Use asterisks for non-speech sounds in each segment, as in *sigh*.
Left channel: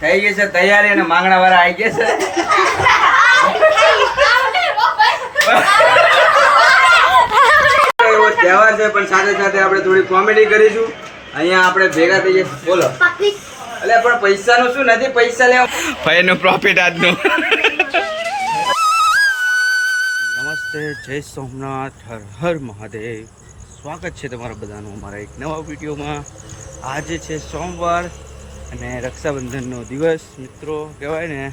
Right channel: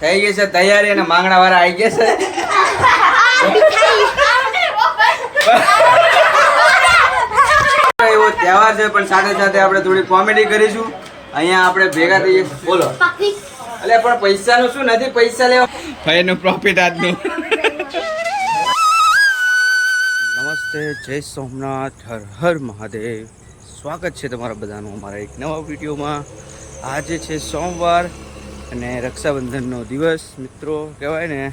થઈ ગઈ છે તૈયારી અને માંગણા વાળા આવી ગયા છે. એવો તહેવાર છે પણ સાથે સાથે આપણે થોડી કોમેડી કરીશું. અહીંયા આપણે ભેગા થઈએ. બોલો. અલે પણ પૈસાનું શું? નથી પૈસા લેવા. ભાઈનું પ્રોફિટ આજનું. નમસ્તે જય સોમનાથ હર હર મહાદેવ. સ્વાગત છે તમારા બધાનું અમારા એક નવા વિડીયોમાં. આજે છે સોમવાર અને રક્ષાબંધનનો દિવસ મિત્રો કહેવાય ને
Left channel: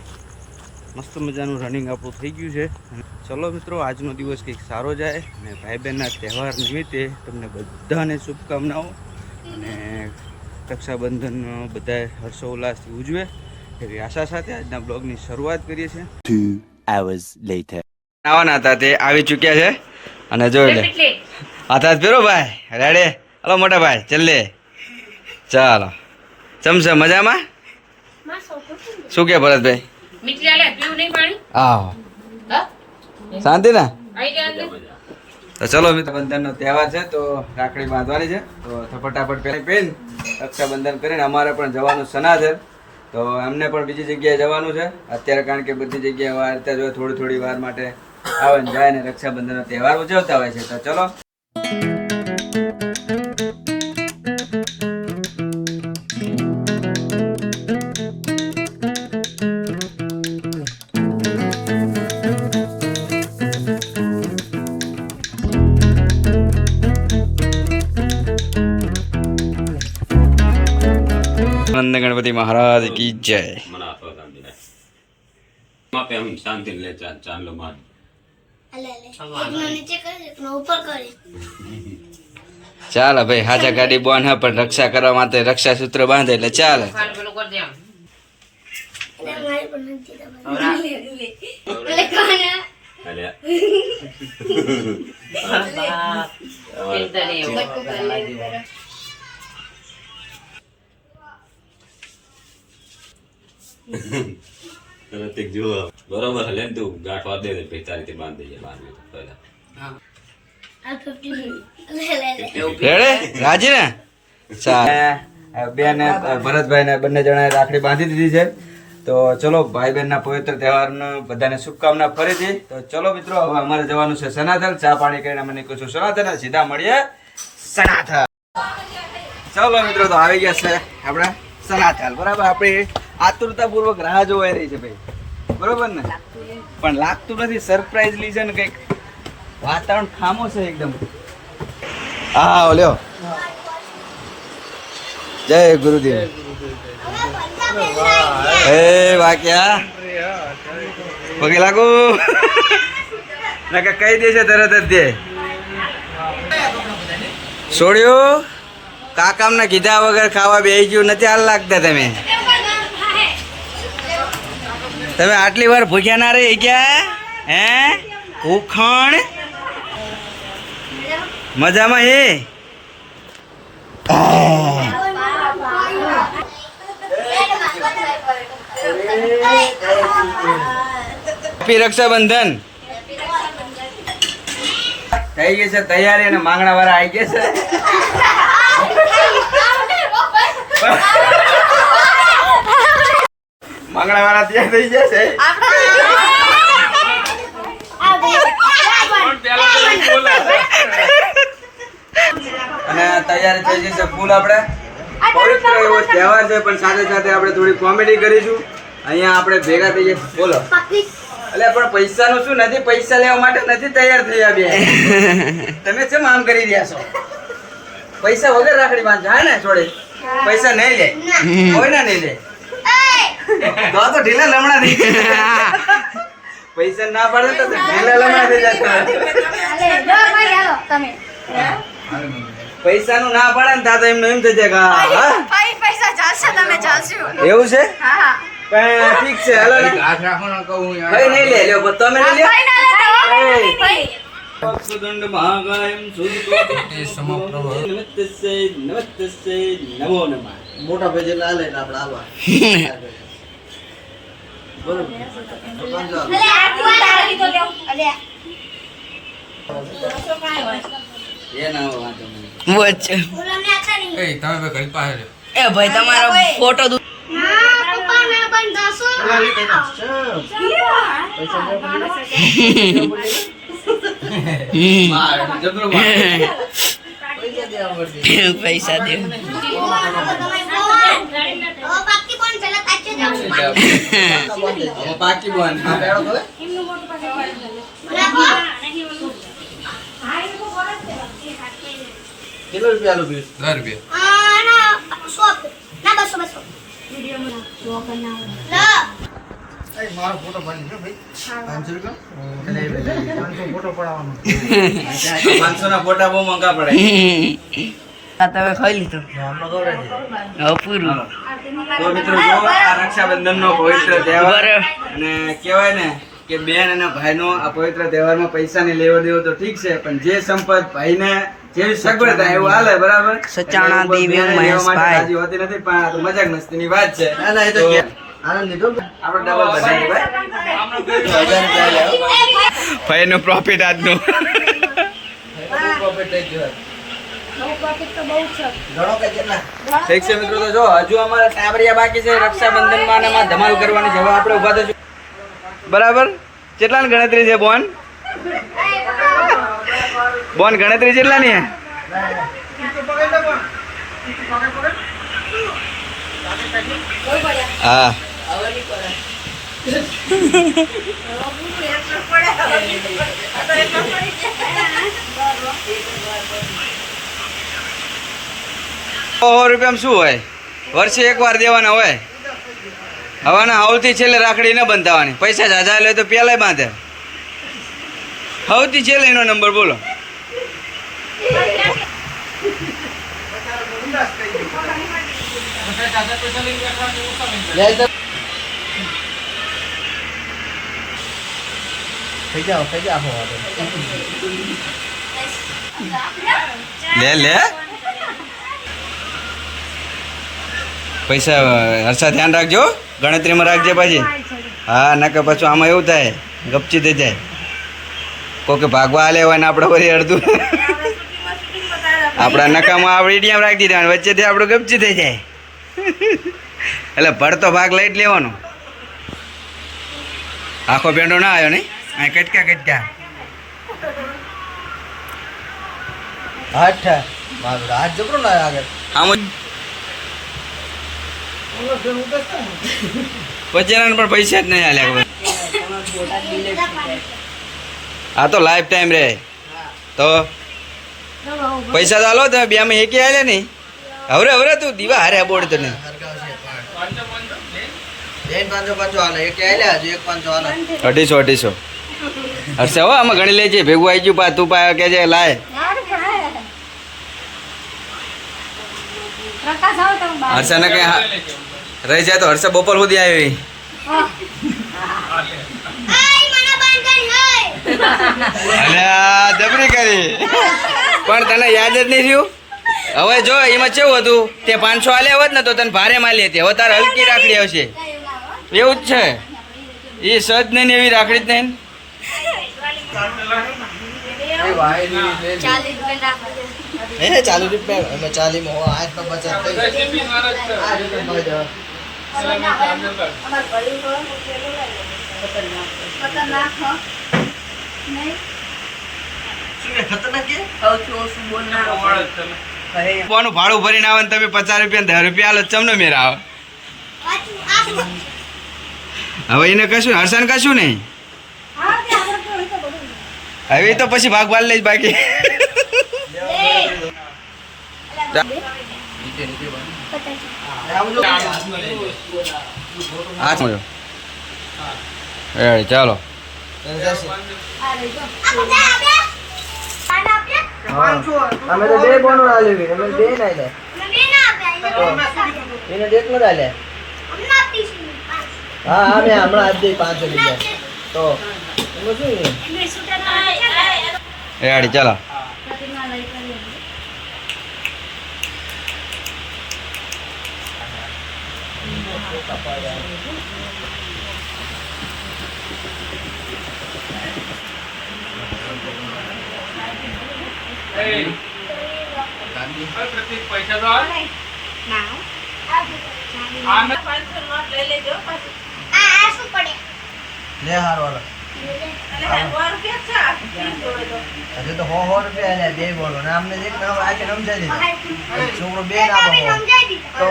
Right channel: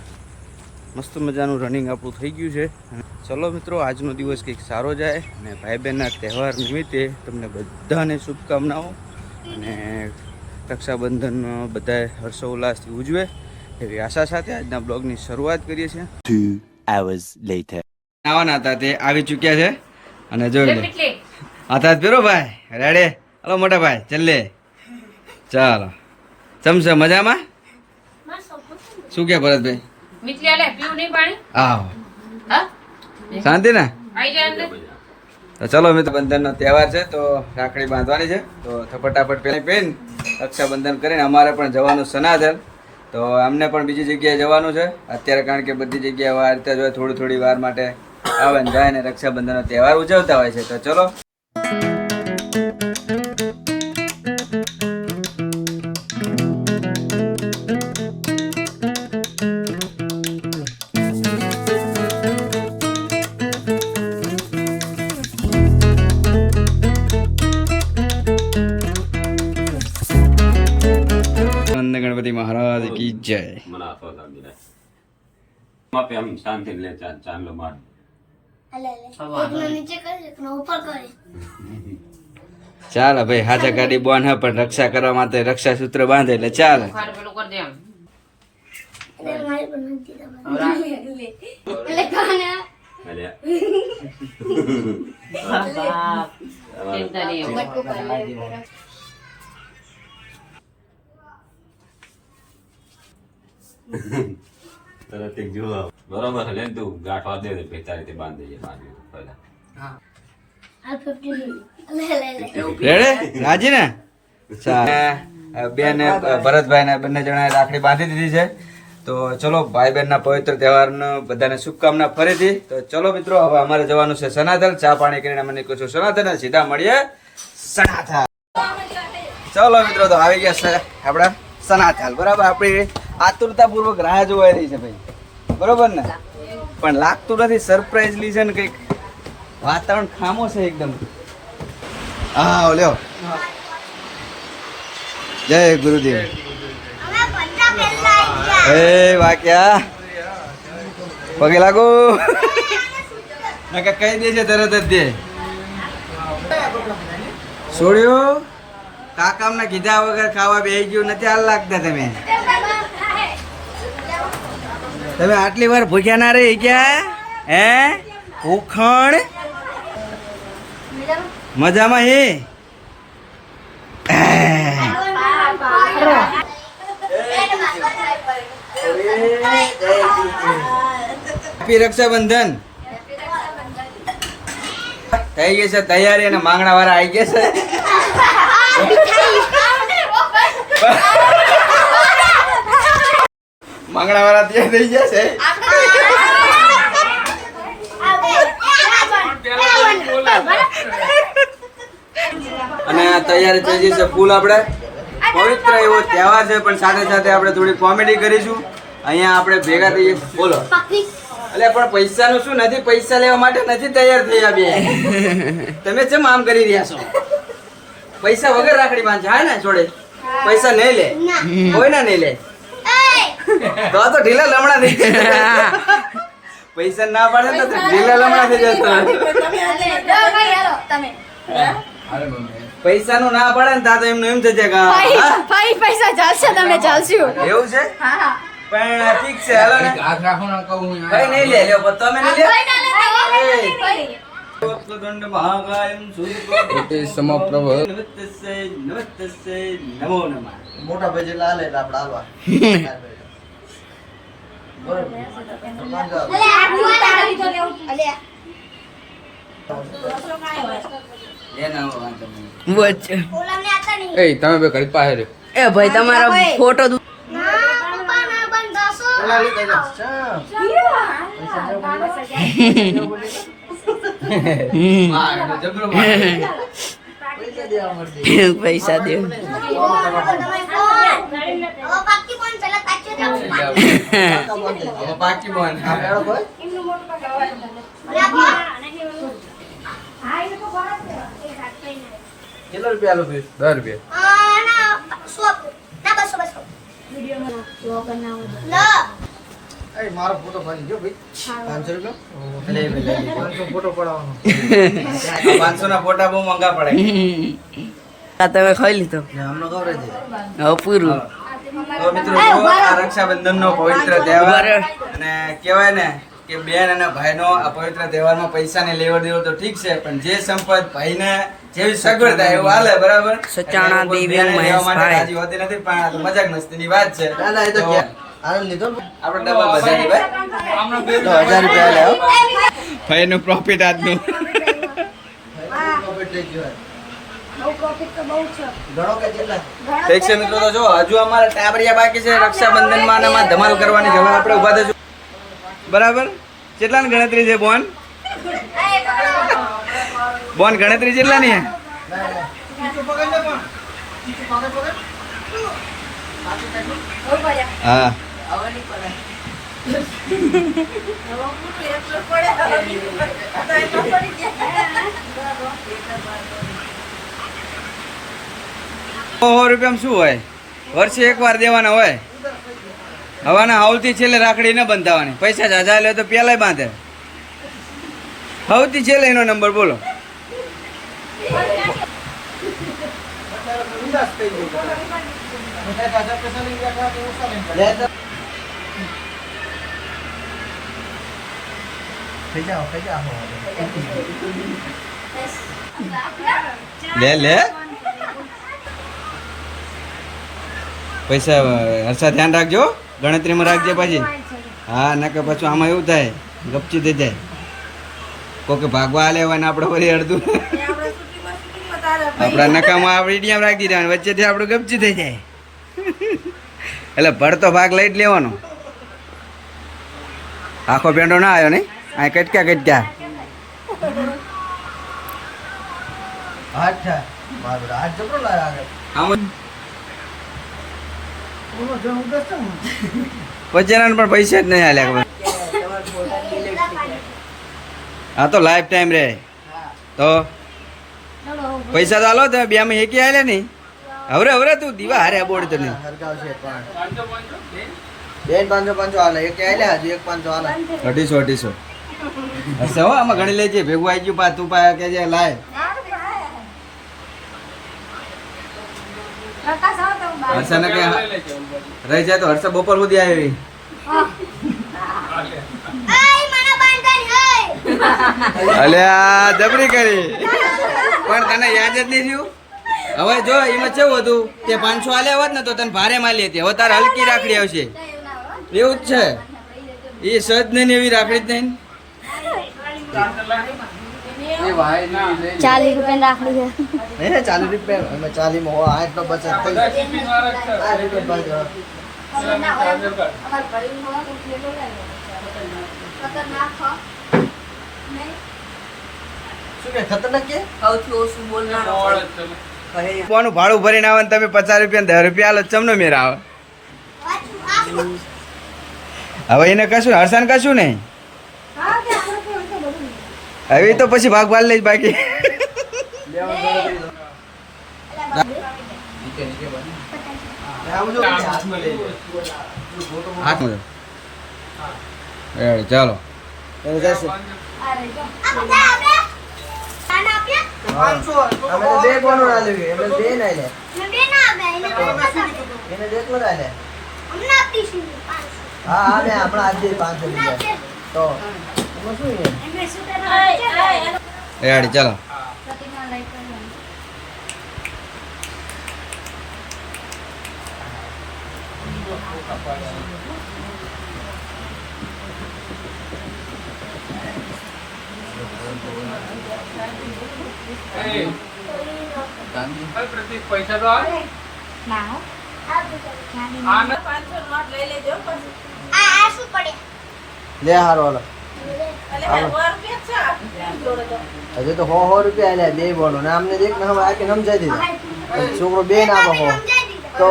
મસ્ત મજાનું રનિંગ આપણું થઈ ગયું છે. અને ચલો મિત્રો આજનો દિવસ કંઈક સારો જાય અને ભાઈ બહેનના તહેવાર નિમિત્તે તમને બધાને શુભકામનાઓ અને રક્ષાબંધન બધા હર્ષોલ્લાસથી ઉજવે એવી આશા સાથે આજના બ્લોગની શરૂઆત કરીએ છીએ. Two hours later. આવવાના હતા તે આવી ચૂક્યા છે. અને જોઈ લે. હાથ ફેરો ભાઈ રેડે? હલો મોટા ભાઈ ચલ્લે ચાલો. ચમશે મજામાં? શું કે ભરતભાઈ? હા? શાંતિ ને? તો ચલો મિત્ર બંધનનો તહેવાર છે તો રાખડી બાંધવાની છે. તો થ- ફટાફટ પહેલા પહેન રક્ષાબંધન કરીને અમારે પણ જવાનું સનાથલ તો અમને પણ બીજી જગ્યાએ જવાનું છે. અત્યારે કારણ કે બધી જગ્યાએ વાર જો થોડી થોડી વાર માટે આવે ને જાય ને રક્ષાબંધનનો તહેવાર ઉજવતા હોય છે. તો ચલો. ગણપતિ મહારાજ કી જય. શાંતિ લે ચાંદ ચાંદલો માર. ઉપર ભાઈ હાજા ગાડી બોન હે પણ રક્ષા કરવા માટે રક્ષા સૂત્ર બાંધે એટલે ચાલે. *laughs* બરોબર લે તું ગાંઠવા દે દે, પછી તારી રીતે બાંધ દેજે મારવી પહેલા આ 50 લે લે લે રેડે રાજી ને બેન ભરતભાઈ ને બંને જણાએ રાખડી બાંધી દીધી છે. તો ચલો ભાઈ બહેન ના પવિત્ર તહેવારનો બધાને શુભકામના ફરીથી. તો ચલો મિત્રો, હવે અમારે જવાનું છે સનાતન. ચા પાણી કરીને અમે કહું છું સનાતન સીધા મળીએ સનાથલ. ચલો મિત્રો, તો આવી ગયા છે આપણા સનાથલ. બરાબર, આપણી આતુરતાપૂર્વક રાહ જોવાઈ રહી છે ભાઈ. બરોબર ને? પણ લાગતું નથી સરપ્રાઈઝલી છે ને કંઈક વાતાવરણ ખામો છે એકદમ. હા લ્યો. જય ગુરુદેવ. એ વાક્યા. પગે લાગુ. નકા કહી દે છે તરત જ દે છોડ્યો? કાકામને કીધા વગર ખાવા બેસી ગયું નથી, હાલ લાગતા તમે. તમે આટલી વાર ભૂખ્યા ના રહી ગયા હે? ઉખણ. મજામાં હે? હેપી રક્ષાબંધન. થઈ ગઈ છે તૈયારી અને માંગણા વાળા આવી ગયા છે. *laughs* *laughs* *laughs* માંગણા વાળા તૈયાર થઈ જશે છે. અને તૈયારી થઈ જશે ફૂલ આપણે. પવિત્ર એવો તહેવાર છે પણ સાથે સાથે આપણે થોડી કોમેડી કરીશું. અહીંયા આપણે ભેગા થઈએ. બોલો. એટલે પણ પૈસાનું શું? નથી પૈસા લેવા માટે નથી તૈયાર થયા બે. તમે કેમ આમ કરી રહ્યા છો? પૈસા વગર રાખડી બાંધશે હા ને છોડે. પૈસા નહીં લે. કોઈ ના નહીં લે? તો તો ઢીલા લમણા થઈ *laughs* પૈસા ના પાડે તો ઢીલા લમણા થઈ જશે ભાઈ હાલો તમે. પૈસા નું ના પાડે ને તા તો એમનું એમ થઈ જાય કે પૈસા ચાલશે તમે ચાલશો. એવું છે? હા પણ ઠીક છે હાલો ને. કઈ નહીં લે લ્યો તમે નહીં લ્યો. એ. વક્રતુંડ મહાકાયમ સૂર્યકોટિ નમસ્તસ્ય નમસ્તસ્ય નમો નમઃ. મોટા ભાઈ લાલ એટલે આપણે હાલવા *laughs* અલે આ કુવાના રહી તો લેવું અલે એ તમે બે ઘડી પાસે રહ્યો એ ભાઈ તમારો ફોટો દુ. પૈસા દેવા પડશે પૈસા દે બાકી કોણ ચલા તાચે જાવ હવે પાકી બોન આ બેડો કોઈ કેટલા રૂપિયા આલો પીસ દસ રૂપિયા તમે ખાઈ લીધો પૂરું. તો મિત્રો જો આ રક્ષાબંધનનો પવિત્ર તહેવાર અને કહેવાય ને કે બેન અને ભાઈનો આ પવિત્ર તહેવારમાં પૈસાને લેવો દેવો તો ઠીક છે પણ જે સંપત ભાઈને જેવી સગવડ થાય એવું હાલે બરાબર? સચાણા દેવી મહેશભાઈ. રાજી હોતી નથી પણ આ તો મજાક મસ્તીની વાત છે. ના ના એ તો તો આનંદ લીધો આપણે ડબલ બધાની ભાઈ. ભાઈનું પ્રોફિટ આજનું. પ્રોફિટ ઠીક છે મિત્રો, તો જો હજુ અમારે ટાબરિયા બાકી છે, રક્ષાબંધનમાં અને ધમાલ કરવાની જવા આપણે ઊભા થશું બરાબર? કેટલાની ગણતરી છે, બોન? બોન, ગણતરી કેટલાની હા. સો રૂપિયામાં શું હોય? વર્ષે એકવાર દેવાના હોય? હવાના સૌથી છેલ્લે રાખડી ન બંધાવાની. પૈસા જાજા લે તો પેલા બાંધે. સૌથી છેલ્લે એનો નંબર બોલો. લે લે. પૈસા હર્ષા ધ્યાન રાખજો ગણતરીમાં રાખજે પાછી. હા નકર પાછું આમાં એવું થાય ગપચી થઈ જાય. કોકે ભાગવા હાલે ને આપણે વળી અડધું. આપણા નકામાં આપણે ઈડિયામાં રાખી દીધા વચ્ચેથી આપણું ગપચી થઈ જાય. એટલે ભરતો ભાગ લઈ જ લેવાનો. આખો પેંડો ના આવ્યો નહીં? આ કટક્યા કટક્યા હા મારું હાથ જબરો ના આગળ આમ પછી પણ પૈસા જ નહીં હાલ્યા હા આ તો લાઈફ ટાઈમ રે. તો પૈસા તો હાલો તમે બે માં એકી હાલે નહીં હવે હવે તું દીવા હારે બોર્ડ તો નહીં. બેન પાંચસો પાંચસો હાલે એક આલ્યા હજુ એક પાંચસો હાલે અઢીસો અઢીસો. હશે હો આમાં ઘણી લેજે. ભેગું આવી ગયું પા તું પા કે લાય. હર્ષાને કઈ રહી જાય તો હર્ષા બપોર સુધી આવી. અલ્યા, જબરી કરી. પણ તને યાદ જ નહીં રહ્યું? હવે જો, એમાં કેવું હતું? તે પાંચસો આલ્યા હોત ને તો તને ભારે માલી હતી. હવે તારે હલકી રાખડી આવશે. એવું જ છે. એ સજ નહીં એવી રાખડી જ નહીં ચાલીસ રૂપિયા રાખડી છે. હે ચાલીસ રૂપિયા. એટલે ચાલીસમાં આઠ નો બચત થઈ આઠ રૂપિયા ભાડું ભરીને આવે તમે પચાસ રૂપિયા ને દસ રૂપિયા આલો ચમનો મેરા આવે? હવે એને કશું હર્ષાને કશું નહીં હા કે આપણે કેવું તો બધું હવે તો પછી ભાગ ભાગ લઈશ બાકી. ચાલો. હા મેં હમણાં આજે પાંચસો રૂપિયા તો એનું આડી ચાલો. પૈસા લઈ કરી ના હો. આ પાંચસો નોટ લઈ લેજો પછી આ લે હારો હાલો હજુ તો સો સો રૂપિયા લે બે બોલો ને આમને એક નામ આખી સમજાઈ દીધું. છોકરો બે ના તો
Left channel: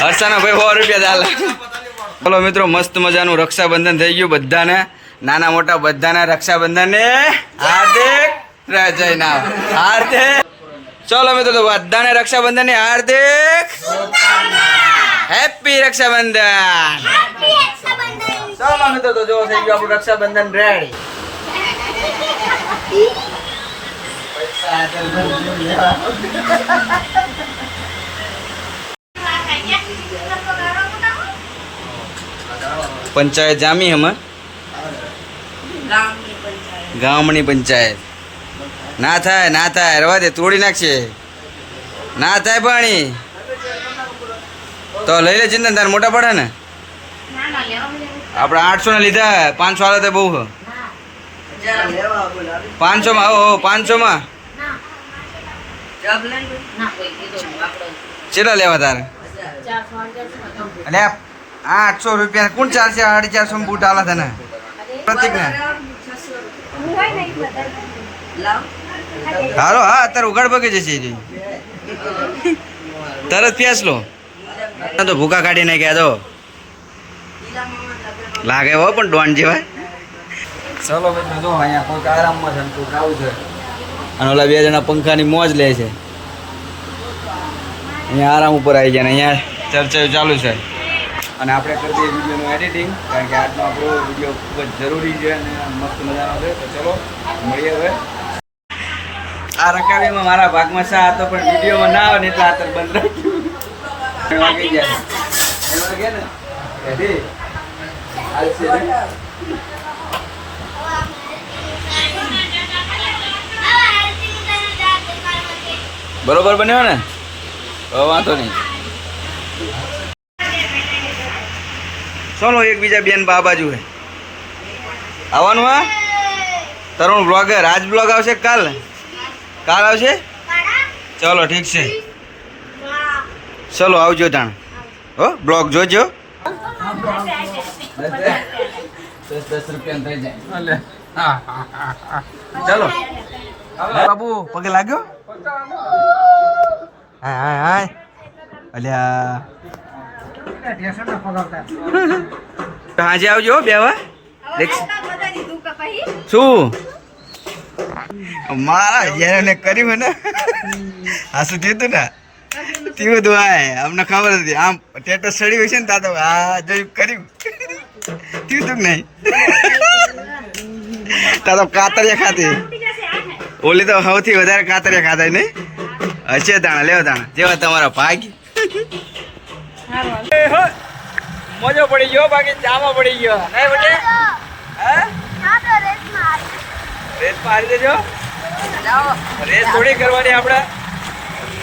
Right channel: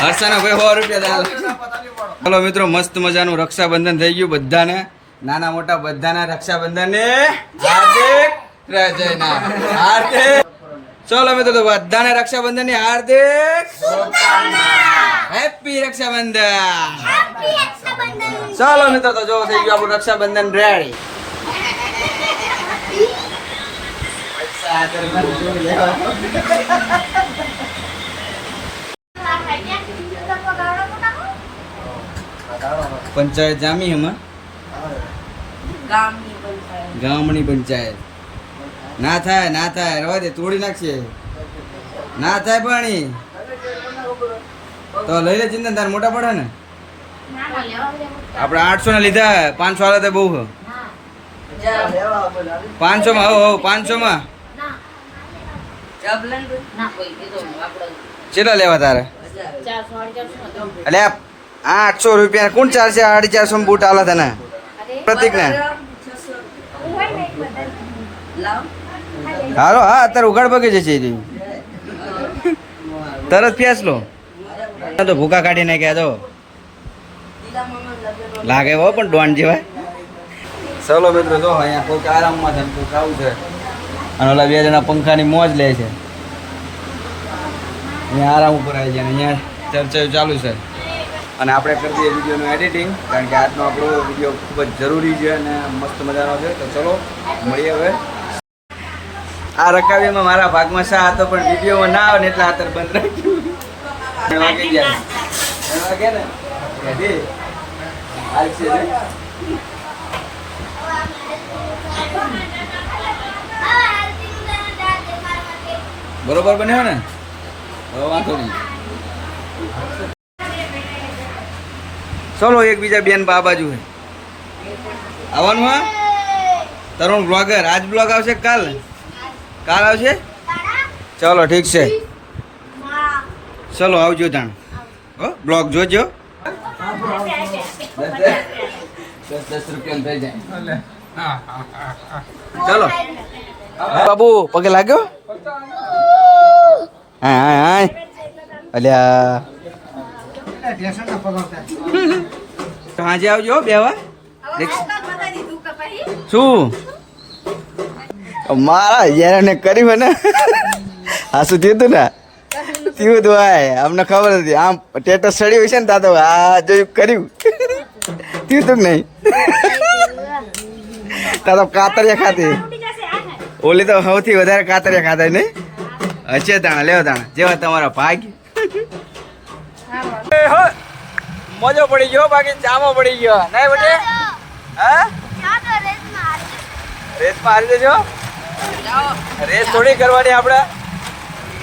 હર્ષાનો ભાઈ સો રૂપિયા ચાલે ચલો મિત્રો મસ્ત મજાનું રક્ષાબંધન થઈ ગયું બધાને. નાના મોટા બધાને રક્ષાબંધનને હાર્દિક રજયના હાર્દિક. ચલો મિત્રો તો બધાને રક્ષાબંધનની હાર્દિક હેપી રક્ષાબંધન ચાલો મિત્રો તો જો થઈ ગયું આપણું રક્ષાબંધન રેડી પૈસા. પંચાયત જામી હમણાં? ગામની પંચાયત. ગામની પંચાયત. ના થાય ના થાય રવા દે તોડી નાખશે. ના થાય પાણી. તો લઈ લે ચિંતન, તાર મોટા પડે ને? આપણે આઠસો ના લીધા, પાંચસો તો બહુ. પાંચસો માં હો પાંચસો માં કેટલા લેવા તારે? એટલે આઠસો રૂપિયા, કોણ ચાલશે? સાડી ચારસો માં બૂટ આલે તને. પ્રતિક ને. હાલો, હા, અત્યારે ઉઘાડ પગે જશે તરત પ્યાસ લો. તો ભૂકા કાઢી નાખ્યા તો. લાગે હો પણ ડોન જેવા. ચલો મિત્રો, જો અહીંયા કોઈક આરામમાં છે કોઈક આવું છે. અને ઓલા બે જણા પંખાની મોજ લે છે. અહીંયા આરામ ઉપર આવી ને અહીંયા ચર્ચા ચાલુ છે. અને આપણે કરી દઈએ વિડીયોનું એડિટિંગ કારણ કે આજનો આપણો વીડિયો ખૂબ જ જરૂરી છે અને મસ્ત મજાનો છે. તો ચલો, મળીએ હવે. આ રકાવીમાં મારા ભાગમાં શા હતો પણ વિડીયોમાં ના આવે ને એટલે આતર બંધ રાખ્યું વાગે ગયા ત્રણ વાગે ને? હાલ છે બરોબર બન્યો ને? વાંધો નહીં. ચલો એકબીજા બેન બા બાજુ હે. આવવાનું હા? તરુણ બ્લોગર આજ બ્લોગ આવશે કાલ કાલ આવશે? ચલો ઠીક છે. ચલો આવજો તાણ હો બ્લોગ જોજો દસ દસ રૂપિયા થઈ જાય ચલો બાબુ પગે લાગ્યો હા હા હા અલ્યા ટેશન પકડતા સાંજે આવજો હો બેવા દેખ શું મારા યાર કર્યું હે ને હા શું થયું હતું ને થયું તો ભાઈ અમને ખબર હતી. આમ ટેટસ ચડ્યું છે ને તા તો આ જોયું કર્યું. થયું તું નહીં? તા તો કાતરિયા ખાતી. ઓલી તો સૌથી વધારે કાતરિયા ખાતા નહીં? હશે દાણા લેવો દાણા. જેવા તમારા ભાગ. મોજો પડી ગયો બાકી ચામો પડી ગયો. નહીં બટે હા? રેસ મારી દેજો રેસ થોડી કરવાની આપણે એ બહુ પપ્પા ચલો જય કુંજી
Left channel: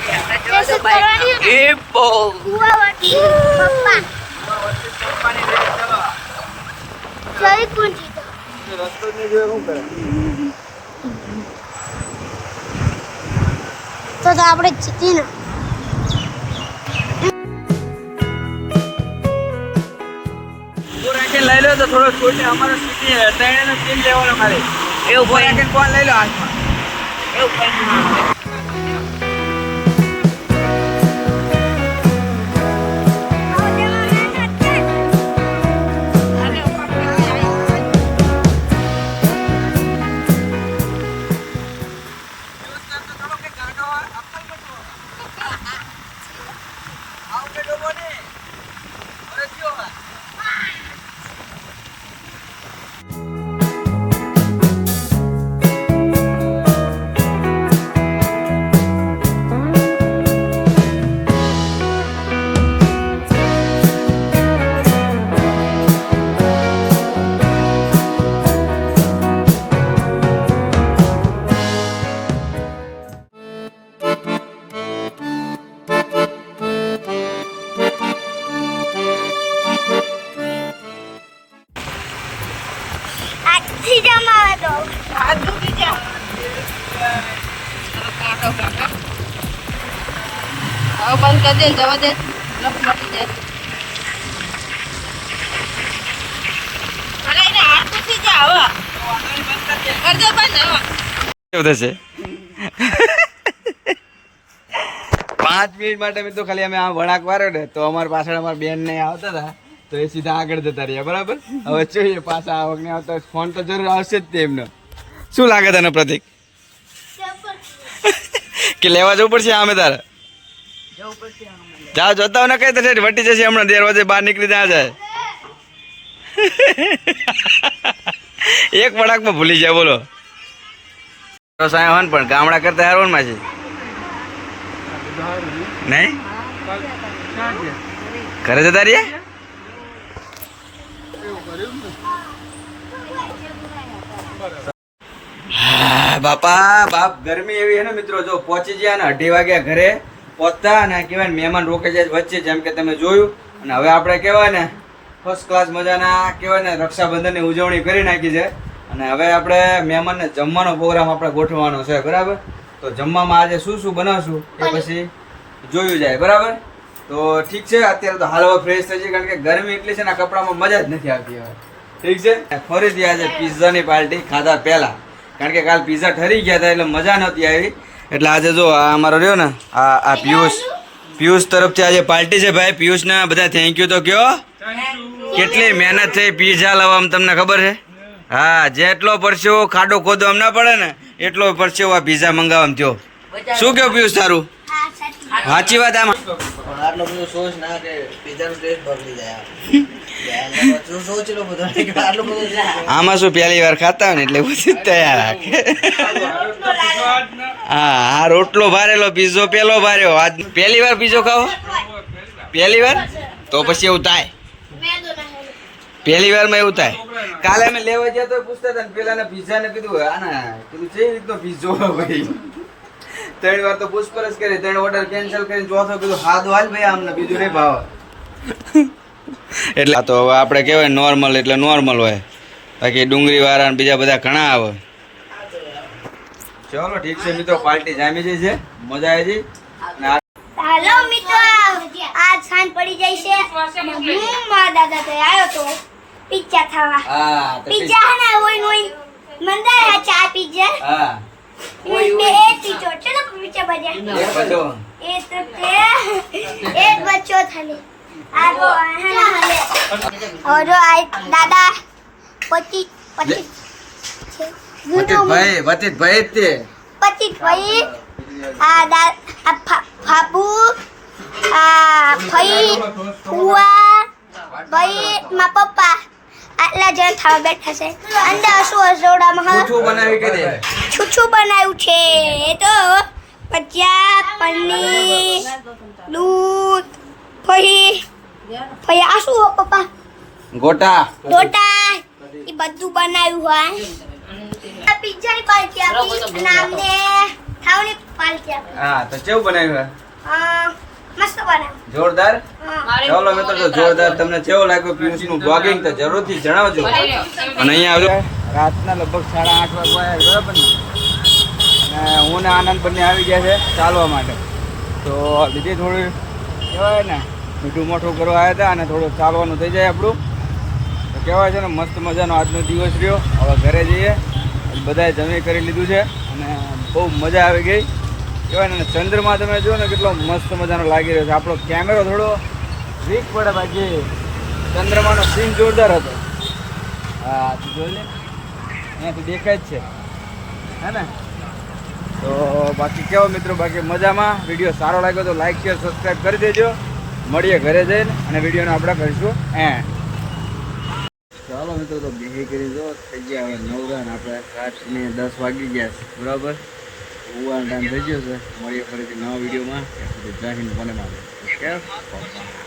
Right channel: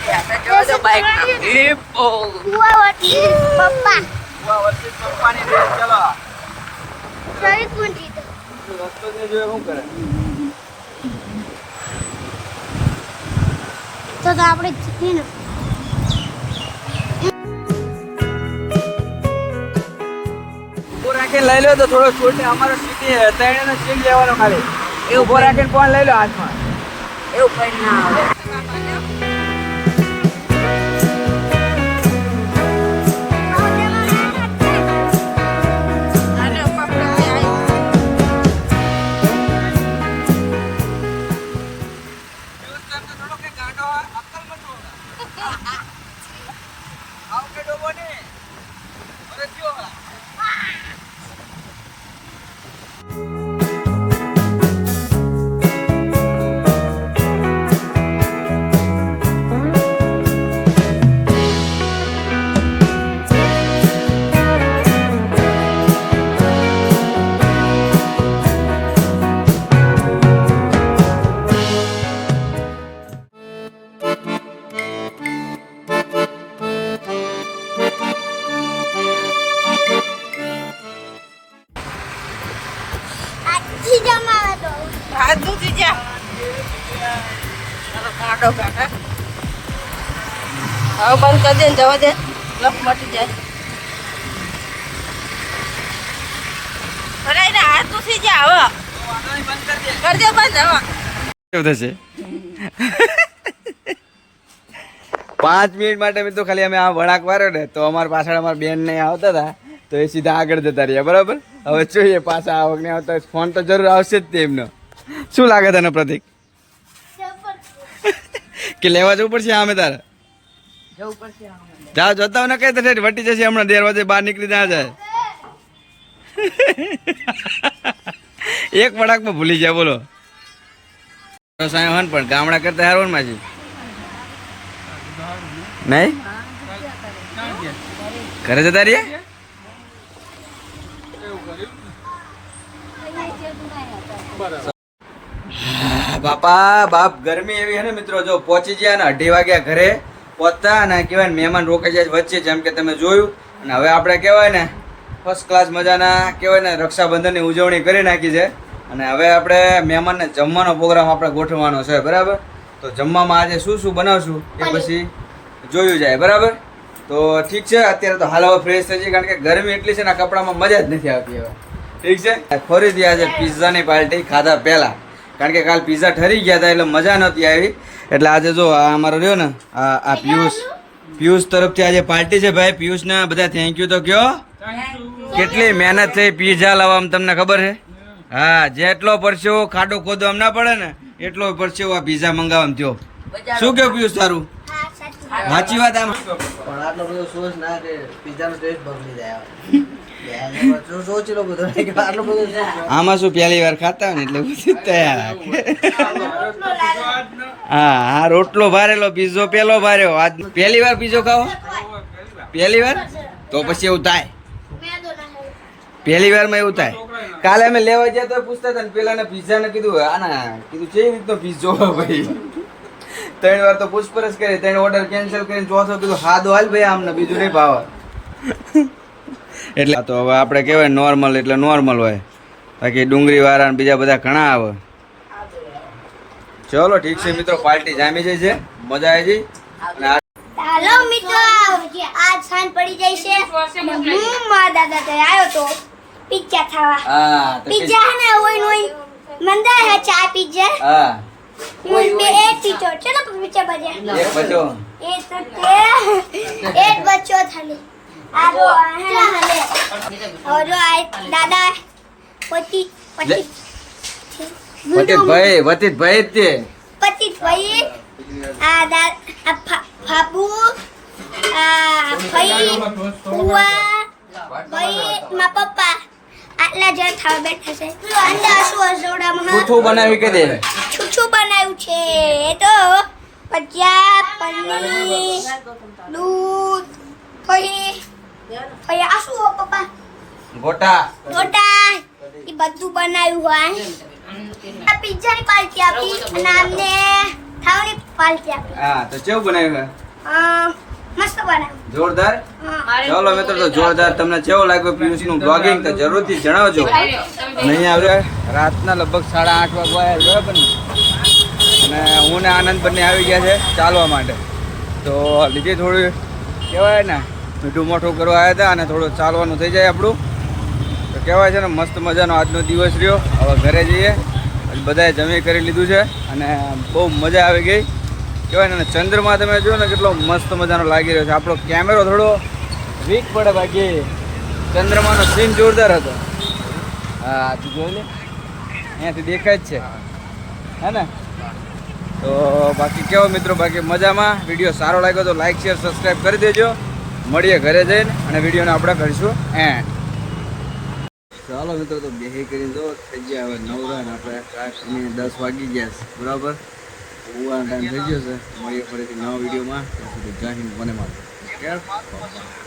તો આપણે જીતી ને લઈ લો તો થોડો છૂટ અમારો સીટી ત્રણેયનો સીમ લેવાનો ખાલી એવું ભાઈ કોણ લઈ લો એવું ભાઈ ના આવે કેવું થશે પાંચ મિનિટ માટે મિત્રો ખાલી અમે આ વળાંક વાર્યો ને, તો અમારા પાછળ અમારા બેન ને આવતા હતા, તો એ સીધા આગળ જતા રહ્યા, બરાબર? હવે જોઈએ, પાછા આ વખતે આવતા ફોન તો જરૂર આવશે જ તે એમનો. શું લાગે તને પ્રતિક? કે લેવા જવું પડશે આમે તારે? જા જોતા ને કઈ થશે વટી જશે હમણાં, દેર વાજે બહાર નીકળી ત્યાં જાય. એક વળાકમાં ભૂલી જાય બોલો. સાહેબ પણ ગામડા કરતા હારવણમાં છે નહીં? ઘરે જતા રહ્યા? બાપા, બાપ, ગરમી એવી છે ને મિત્રો, જો પહોંચી ગયા ને અઢી વાગ્યા ઘરે, પહોંચતા અને કહેવાય ને મહેમાન રોકાઈ જાય વચ્ચે, જેમ કે તમે જોયું. અને હવે આપણે કહેવાય ને ફર્સ્ટ ક્લાસ મજાના, કહેવાય ને, રક્ષાબંધનની ઉજવણી કરી નાખી છે. અને હવે આપણે મહેમાનને જમવાનો પ્રોગ્રામ આપણે ગોઠવવાનો છે બરાબર? તો જમવામાં આજે શું શું બનાવશું એ પછી જોયું જાય બરાબર? તો ઠીક છે અત્યારે તો હાલ હવે ફ્રેશ થઈ છે કારણ કે ગરમી એટલી છે ને કપડામાં મજા જ નથી આવતી હવે. ઠીક છે? ફરીથી આજે પિઝાની પાર્ટી ખાધા પહેલાં. કારણ કે કાલ પિઝા ઠરી ગયા હતા એટલે મજા નહોતી આવી. એટલે આજે જો આ અમારો રહ્યો ને આ આ પિયુષ પિયુષ તરફથી આજે પાર્ટી છે ભાઈ. પિયુષને બધા થેન્ક યુ તો કયો. કેટલી મહેનત થઈ પિઝા લાવવામાં તમને ખબર છે? હા જેટલો પરસેવો ખાડો ખોદવા ના પડે ને એટલો પરસેવો આ પીઝા મંગાવવા થયો. શું કેવું પિયુષ તારું? સાચી વાત. આમાં? પણ આટલો બધો સોસ ના કે પીઝાનો ટેસ્ટ બગડી જાય. આમાં શું પહેલી વાર ખાતા હોય ને એટલે બધું તૈયાર રાખે. હા હા રોટલો ભારેલો પીઝો પેલો ભાર્યો. આજ પહેલી વાર પીઝો ખાવો? પહેલી વાર? તો પછી એવું થાય. પહેલી વારમાં એવું થાય. કાલે અમે લેવા ગયા તો પૂછતા હતા ને પીઝા ને કીધું, આના, કીધું છે રીતનો પીઝો ભાઈ? ત્રણ વાર તો પૂછપરછ કરી, ત્રણ ઓર્ડર કેન્સલ કરીને ચોથો કીધું હાદો હાલ ભાઈ આમને, બીજું નહીં ભાવ. એટલે તો હવે આપણે કહેવાય નોર્મલ એટલે નોર્મલ હોય. બાકી ડુંગળી વાળા બીજા બધા ઘણા આવે. ચલો ઠીક છે મિત્રો, પાર્ટી જામી જાય છે. મજા આવી જઈ અને હાલો મિત્રો આજ સાંજ પડી જાય છે. હું મારા દાદા ત્યાં આવ્યો તો પિઝા ખાવા. હા તો પિઝા હે ને હોય નોય મંદા હે ચા પિઝા હા. બે એક પિઝા ચલો પિઝા બજા એક બધો એ તો તે એક બચ્ચો થાલી. આ જો હે ને. ઓરો જો આ દાદા પચીસ પચીસ. વતીતભાઈ વતીતભાઈ ભાઈ તે. પચીસ ભાઈ. આ દા આ ફાબુ આ ફઈ ફુવા ભાઈ મા પપ્પા. આટલા જણ થવા બેઠા છે. અંદર શું હસોડામાં છૂઠું બનાવી કે દે છૂછું બનાવ્યું છે. એ તો ભજીયા પનીર દૂધ ફઈ ફઈ આ શું હો પપ્પા? ગોટા. ટોટા એ બધું બનાવ્યું હોય. આ પિઝાની પાર્ટી આપી. અને આમને પાલકી આપી. હા તો કેવું બનાવ્યું હે મસ્ત બનાવ્યું. જોરદાર? ચાલો મિત્રો તો જોરદાર તમને કેવો લાગ્યો પિયુષનું બ્લોગિંગ તો જરૂરથી જણાવજો. અને અહીંયા આવ્યો રાતના લગભગ સાડા આઠ વાગવા આવ્યા બરાબર ને? અને હું ને આનંદ બંને આવી ગયા છે ચાલવા માટે. તો લીધે થોડું કહેવાય ને મીઠું મોઠું કરવા આવ્યા હતા અને થોડું ચાલવાનું થઈ જાય આપણું. તો કહેવાય છે ને મસ્ત મજાનો આજનો દિવસ રહ્યો. હવે ઘરે જઈએ. બધાએ જમી કરી લીધું છે અને બહુ મજા આવી ગઈ. કહેવાય ને ચંદ્રમાં તમે જુઓ ને કેટલો મસ્ત મજાનો લાગી રહ્યો છે. આપણો કેમેરો થોડો વીક પડે બાકી. ચંદ્રમાનો સીન જોરદાર હતો. હા તું જોઈ લે. અહીંયાથી દેખાય જ છે. હે ને? તો બાકી કેવો મિત્રો, બાકી મજામાં? વીડિયો સારો લાગ્યો તો લાઇક શેર સબસ્ક્રાઈબ કરી દેજો. મળીએ ઘરે જઈને અને વિડીયોને આપણે કરીશું એન્ડ. ચાલો મિત્રો, તો બેહી કરી દો થઈ ગયા હવે નવરા ને આપણે રાતની દસ વાગી ગયા છે, બરાબર? ઉવાનો ટાઈમ થઈ ગયો છે. મળીએ ફરીથી નવા વિડીયોમાં. ત્યાં સુધી જય હિન્દ મને મારો કે બાબા